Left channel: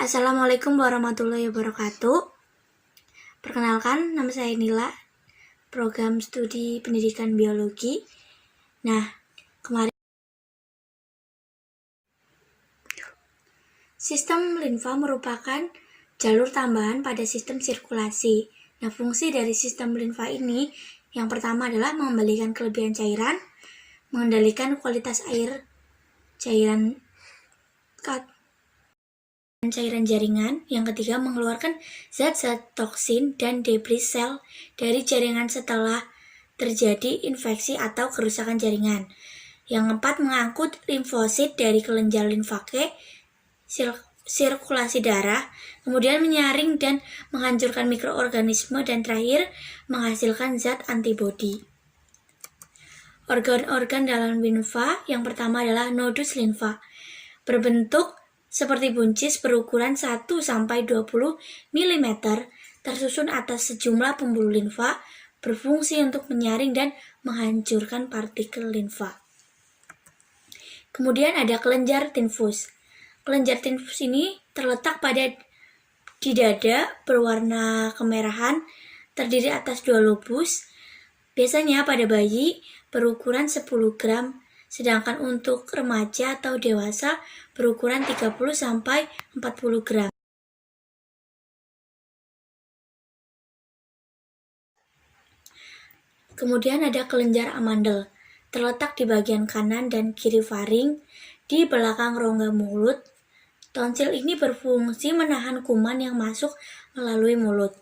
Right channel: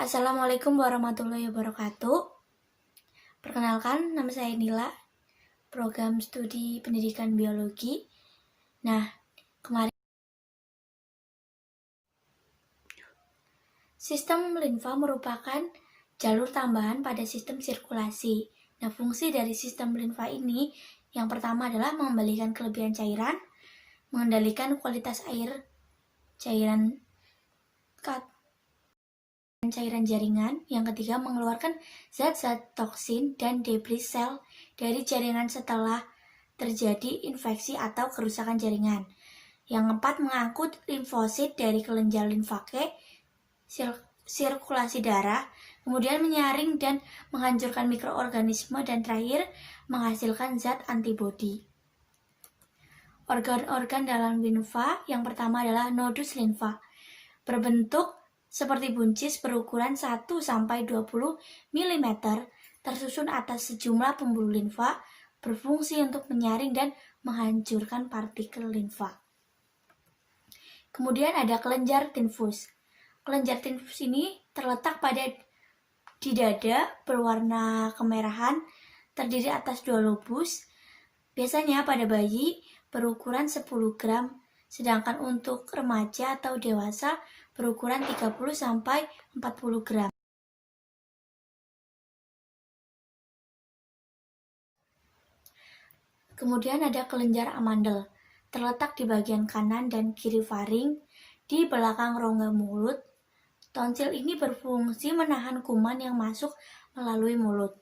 Assalamualaikum warahmatullahi wabarakatuh. Perkenalkan, nama saya Nila, program studi pendidikan biologi. Nah, kemarin sistem limfa merupakan jalur tambahan pada sistem sirkulasi. Nah, fungsi dari sistem limfa ini yang pertama adalah mengembalikan kelebihan cairan, mengendalikan kualitas cairan jaringan. Yang ketiga, mengeluarkan zat-zat toksin dan debris sel dari jaringan setelah terjadi infeksi atau kerusakan jaringan. Yang keempat, mengangkut limfosit dari kelenjar limfake, sirkulasi darah, kemudian menyaring dan menghancurkan mikroorganisme, dan terakhir menghasilkan zat antibodi. Organ-organ dalam limfa yang pertama adalah nodus limfa, berbentuk seperti buncis berukuran 1-20 mm, tersusun atas sejumlah pembuluh limfa, berfungsi untuk menyaring dan menghancurkan partikel limfa. Kemudian ada kelenjar tifus. Kelenjar tifus ini terletak di dada, berwarna kemerahan, terdiri atas 2 lobus. Biasanya pada bayi berukuran 10 gram, sedangkan untuk remaja atau dewasa berukuran 30-40 gram. Kemudian ada kelenjar amandel, terletak di bagian kanan dan kiri faring, di belakang rongga mulut. Tonsil ini berfungsi menahan kuman yang masuk melalui mulut.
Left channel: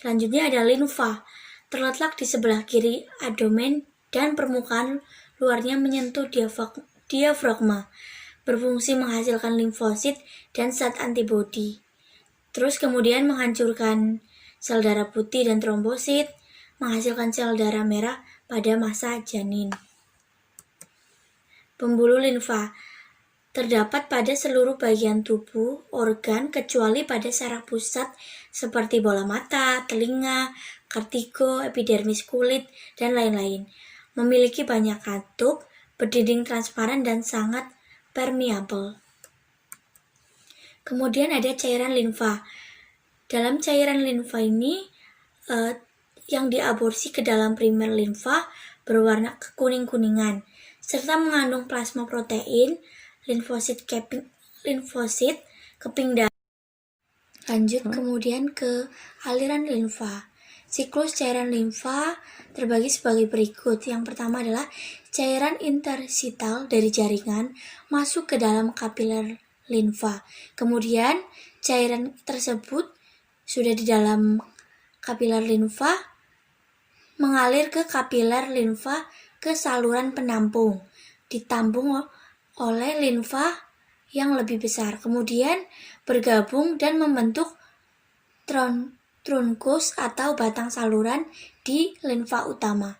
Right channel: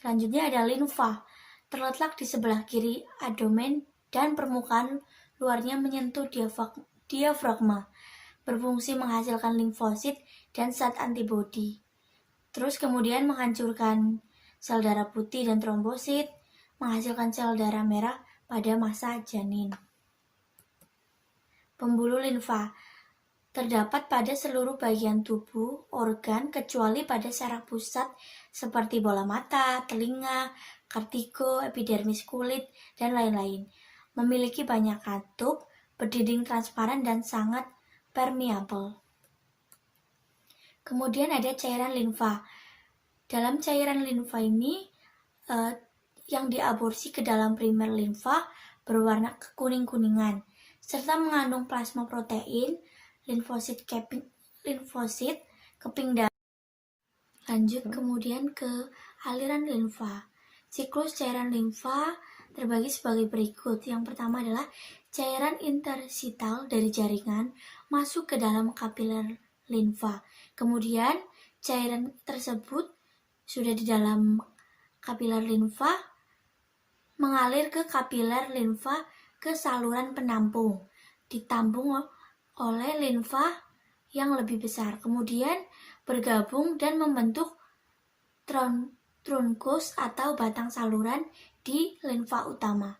Selanjutnya ada limfa, terletak di sebelah kiri abdomen dan permukaan luarnya menyentuh diafragma, berfungsi menghasilkan limfosit dan zat antibodi. Terus kemudian menghancurkan sel darah putih dan trombosit, menghasilkan sel darah merah pada masa janin. Pembuluh limfa terdapat pada seluruh bagian tubuh organ kecuali pada saraf pusat seperti bola mata, telinga, vertigo, epidermis kulit, dan lain-lain. Memiliki banyak katup, berdinding transparan, dan sangat permeabel. Kemudian ada cairan limfa. Dalam cairan limfa ini yang diaborsi ke dalam primer limfa berwarna kekuning-kuningan serta mengandung plasma protein, limfosit keping darah. Lanjut kemudian ke aliran limfa. Siklus cairan limfa terbagi sebagai berikut. Yang pertama adalah cairan interstital dari jaringan masuk ke dalam kapiler limfa. Kemudian cairan tersebut sudah di dalam kapiler limfa mengalir ke kapiler limfa ke saluran penampung, ditampung oleh limfa yang lebih besar, kemudian bergabung dan membentuk trunkus atau batang saluran di limfa utama.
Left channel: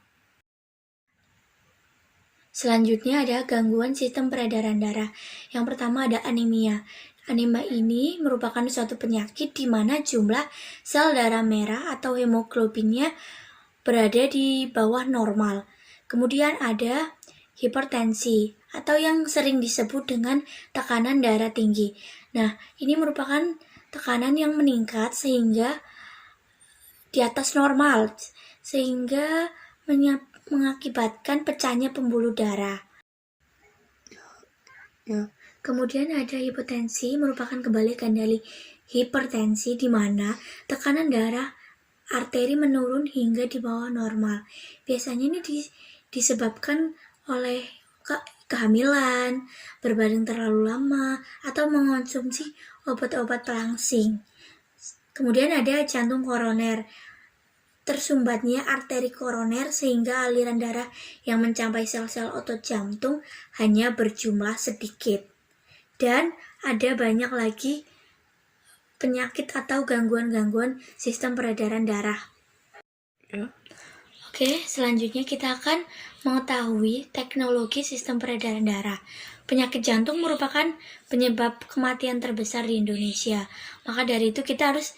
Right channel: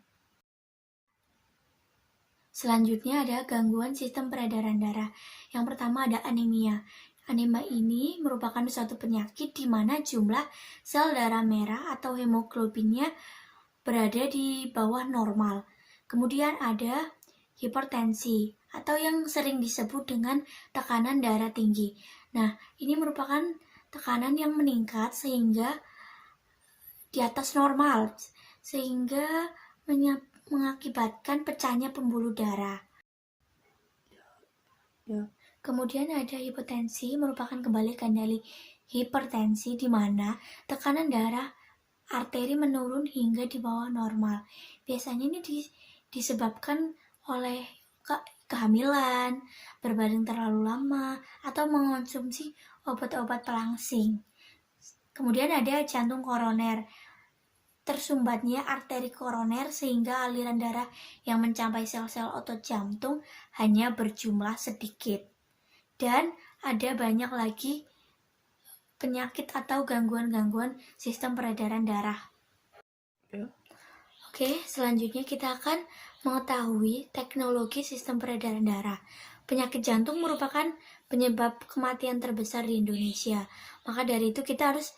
Selanjutnya ada gangguan sistem peredaran darah. Yang pertama ada anemia. Anemia ini merupakan suatu penyakit di mana jumlah sel darah merah atau hemoglobinnya berada di bawah normal. Kemudian ada hipertensi atau yang sering disebut dengan tekanan darah tinggi. Nah, ini merupakan tekanan yang meningkat sehingga di atas normal, sehingga mengakibatkan pecahnya pembuluh darah. Kemudian ada hipotensi, merupakan kebalikan dari hipertensi, di mana tekanan darah arteri menurun hingga di bawah normal. Biasanya ini disebabkan oleh kehamilan, berbaring terlalu lama, atau mengonsumsi obat-obat perangsing. Kemudian ada jantung koroner, tersumbatnya arteri koroner sehingga aliran darah yang mencapai sel-sel otot jantung hanya berjumlah sedikit. Dan ada banyak lagi penyakit atau gangguan-gangguan sistem peredaran darah. Oke, selanjutnya kita akan mengetahui teknologi sistem peredaran darah. Penyakit jantung merupakan penyebab kematian terbesar di Indonesia. Maka dari itu kita harus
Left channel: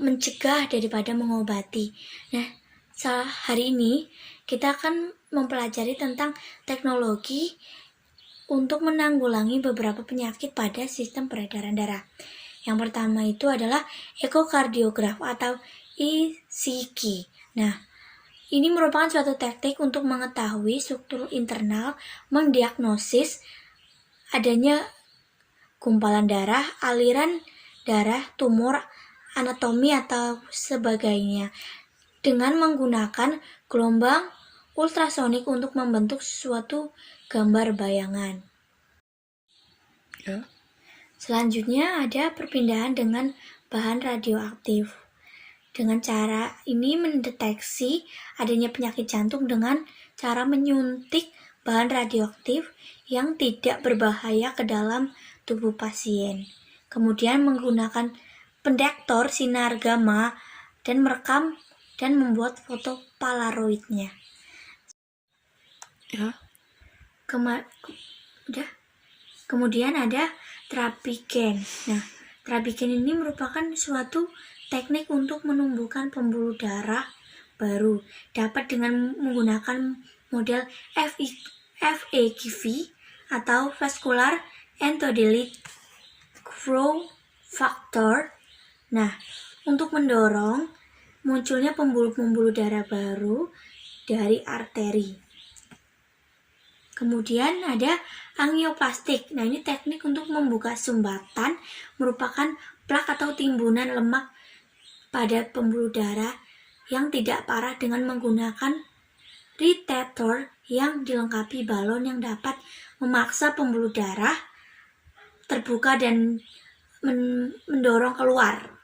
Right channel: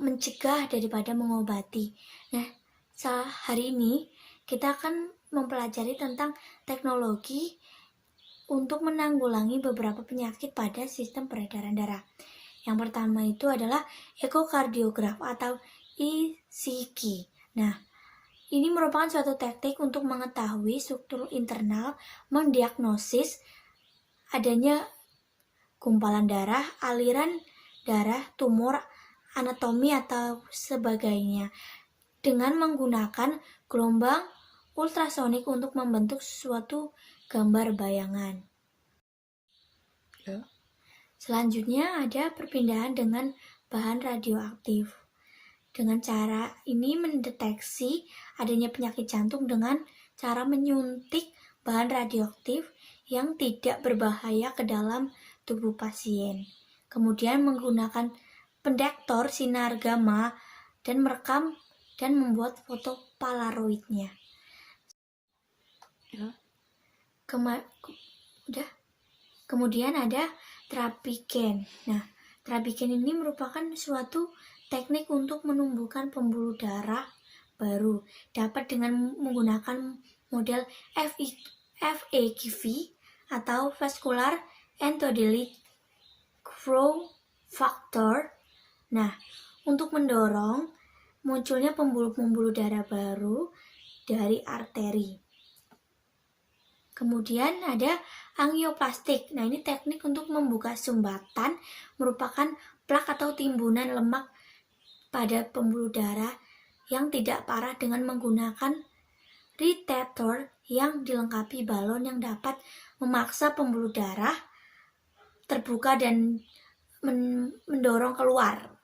mencegah daripada mengobati. Nah, hari ini kita akan mempelajari tentang teknologi untuk menanggulangi beberapa penyakit pada sistem peredaran darah. Yang pertama itu adalah ekokardiograf atau ECG. Nah, ini merupakan suatu teknik untuk mengetahui struktur internal, mendiagnosis adanya gumpalan darah, aliran darah, tumor, anatomi atau sebagainya dengan menggunakan gelombang ultrasonik untuk membentuk suatu gambar bayangan. Selanjutnya ada perpindahan dengan bahan radioaktif. Dengan cara ini mendeteksi adanya penyakit jantung dengan cara menyuntik bahan radioaktif yang tidak berbahaya ke dalam tubuh pasien. Kemudian menggunakan pendektor sinar gamma dan merekam dan membuat foto polaroidnya. Kemudian ada terapi gen. Nah, terapi gen ini merupakan suatu teknik untuk menumbuhkan pembuluh darah baru. Dapat dengan menggunakan model FEGV atau Vascular Endothelial Growth Factor. Nah, untuk mendorong munculnya pembuluh-pembuluh darah baru dari arteri. Kemudian ada angioplastik. Nah, ini teknik untuk membuka sumbatan, merupakan plak atau timbunan lemak pada pembuluh darah yang tidak parah dengan menggunakan retector yang dilengkapi balon yang dapat memaksa pembuluh darah terbuka dan mendorong keluar.